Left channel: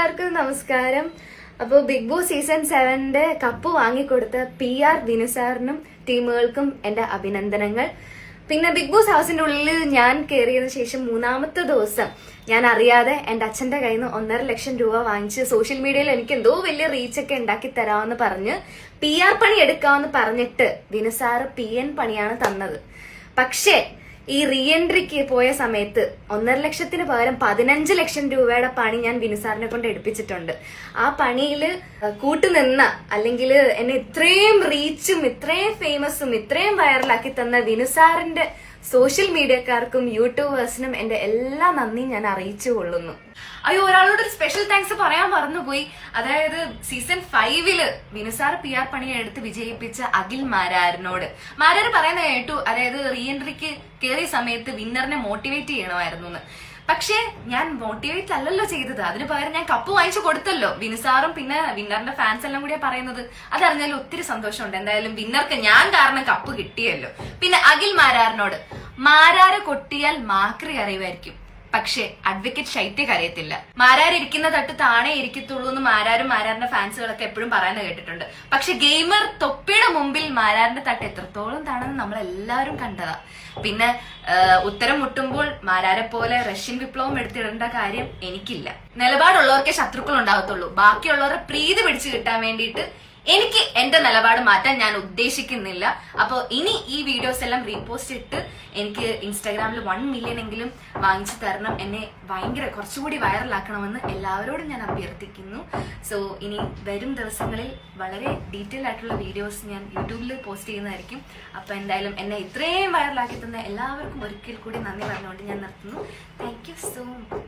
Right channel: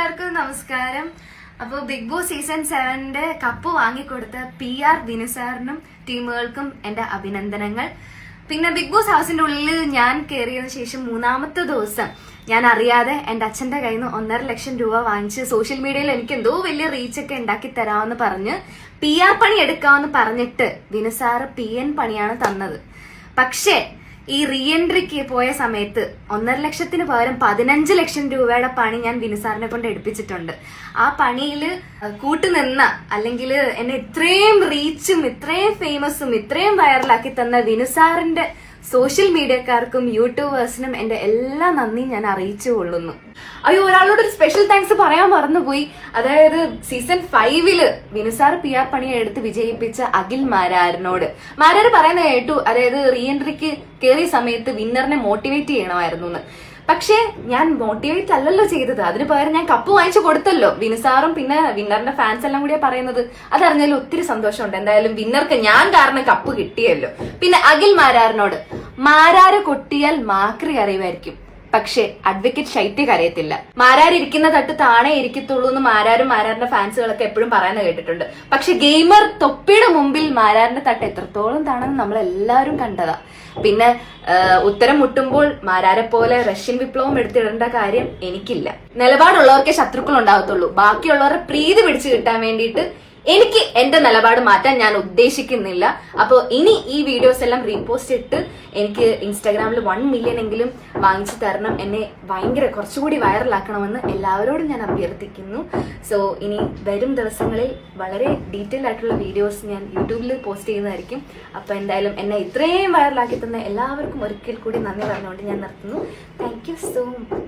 എല്ലാവർക്കും നമസ്കാരം. അപ്പോൾ ബിഗ് ബോസ് സീസൺ സെവന്റെ കപ്പ് വാങ്ങിക്കൊടുത്ത പി ആർ ദിനസാറിനും ടീമുകൾക്കും എന്റെ അഭിനന്ദനങ്ങൾ. പിന്നെ ബിഗ് ബോസ് ഹൗസിന്റെ ഉള്ളിൽ ഞാൻ കയറിയതിനു ശേഷം മൂന്നാമത്തെ ദിവസം ഞാൻ അറിയാതെ എന്റെ അച്ഛന്റെ കയ്യിൽ നിന്ന് ഒന്നര ലക്ഷം രൂപ വാങ്ങിച്ച് സോഷ്യൽ മീഡിയയിൽ എനിക്ക് എന്തോ വലിയ റീച്ച് ഒക്കെ ഉണ്ടാക്കി തരാമെന്ന് പറഞ്ഞ് പി ആർ പണി എടുക്കാമെന്ന് പറഞ്ഞിട്ട് ദിനസാറ് പി എൻ പണിയാണ് തന്നത്. പക്ഷേ ഈ റീ എൻട്രിക്ക് പോയ സമയത്ത് ഒന്നര ലക്ഷത്തിന് പകരം പതിനഞ്ച് ലക്ഷം രൂപയുടെ പണി ഞാൻ വിനുസാറിനെ കൊണ്ട് എടുപ്പിച്ചിട്ടുണ്ട്. ആ പണിയിൽ കൂട്ടുനിന്ന അല്ലെങ്കിൽ എന്നെ ഇത്രയും റീച്ചും ഇത്രയും ഫേമസും ഇത്രയും വൈറലാക്കി തന്ന വിനുസാറിന്റെ സോഷ്യൽ മീഡിയക്കാർക്കും യൂട്യൂബേഴ്സിനും എന്റെ എല്ലാ നന്ദിയും ഞാൻ അറിയിച്ചു കൊള്ളുന്നു. അയ്യോ ഒരാളോട് ഒരു സ്പെഷ്യൽ താങ്ക്സ് പറയാൻ മറന്നുപോയി. അതായത് സീസൺ ഫൈവിൽ വിനുസാർ പി ആർ പണിയെ എടുത്ത് വിജയിപ്പിച്ച അഖിൽ മാരാരനോട്. മാരാര് പറയുന്ന കേട്ടു. അതായത് റീ എൻട്രിക്ക് കയറിയ സമയത്ത് വിന്നറിനെ മോട്ടിവേറ്റ് ചെയ്യണമായിരുന്നു എന്ന് പക്ഷേ ഞാൻ മോട്ടിവേറ്റ് അല്ലല്ലോ ചെയ്തത്. അതിന് പകരം ഞാൻ കപ്പ് വാങ്ങിച്ചു കൊടുത്തല്ലോ. വിനുസാറും പിന്നെ വിന്നറിന്റെ ഫാൻസ് എല്ലാം കൂടിയാ പറയുന്നത്. അതറിഞ്ഞാലും ഒത്തിരി സന്തോഷമുണ്ട്. എന്തായാലും വിന്നർക്ക് ഞാൻ കാരണം കപ്പ് കിട്ടിയല്ലോ. പിന്നെ അഖിൽ മാരാറിനോട് മാരാര കൊട്ടിയാൽ മാക്രി കറിയുമായിരിക്കും പക്ഷെ അഡ്വക്കേറ്റ് ശൈത്യ കരയത്തില്ല. മാരാർ ഇരിക്കുന്ന തട്ട് താണേ ഇരിക്കത്തുള്ളൂ എന്ന് മാരാരും മാരാറിന്റെ ഫാൻസുകളൊക്കെ എപ്പോഴും പറയാൻ കേട്ടിട്ടുണ്ട്. പക്ഷെ ഗെയിമർ തൊപ്പിയുടെ മുമ്പിൽ മാരാറിന്റെ തട്ട് എത്രത്തോളം താണെന്ന് നമ്മൾ എല്ലാവരും കണ്ടതാ. പിന്നെ ഉത്തരം മുട്ടുമ്പോൾ മാരാരെ പോലെ റഷ്യൻ വിപ്ലവം എടുത്തിടേണ്ട കാര്യം എനിക്കില്ല. നിലപാടുള്ളവർക്കേ ശത്രുക്കൾ ഉണ്ടാകത്തുള്ളൂ. ബാക്കിയുള്ളവരെ പ്രീതി പിടിച്ചു കിട്ടാൻ വേണ്ടിയിട്ട് എനിക്ക് എന്റെ നിലപാട് മാറ്റാൻ ഞാൻ ഉദ്ദേശിക്കുന്നില്ല. അപ്പോൾ ഇനി ഈ വീഡിയോസ് എല്ലാം റീപോസ്റ്റ് ഇട്ട് എനിക്ക് ഇൻസ്റ്റാഗ്രാമിൽ വൺ മില്യൺ എങ്കിലും വാങ്ങിച്ചു തരണം. എന്നെ ഭയങ്കര കുറച്ചുകൂടി വൈറലാക്കണമെന്ന് എല്ലാവരോടും ഞാൻ അഭ്യർത്ഥിക്കുന്നു. സോ ഇനി വരും ദിവസങ്ങളിൽ വളരെ ഡീറ്റെയിൽ ആയിട്ടുള്ള വീഡിയോസ് ഞാൻ യൂട്യൂബിൽ പോസ്റ്റ് ചെയ്യുന്നതായിരിക്കും. അപ്പൊ എന്തായാലും എന്നെ ഇത്രയും വൈറലാക്കി തന്ന എല്ലാവർക്കും ഒരിക്കൽ കൂടി നന്ദി പറഞ്ഞുകൊണ്ട് ഞാൻ നിർത്തുന്നു. Thank so much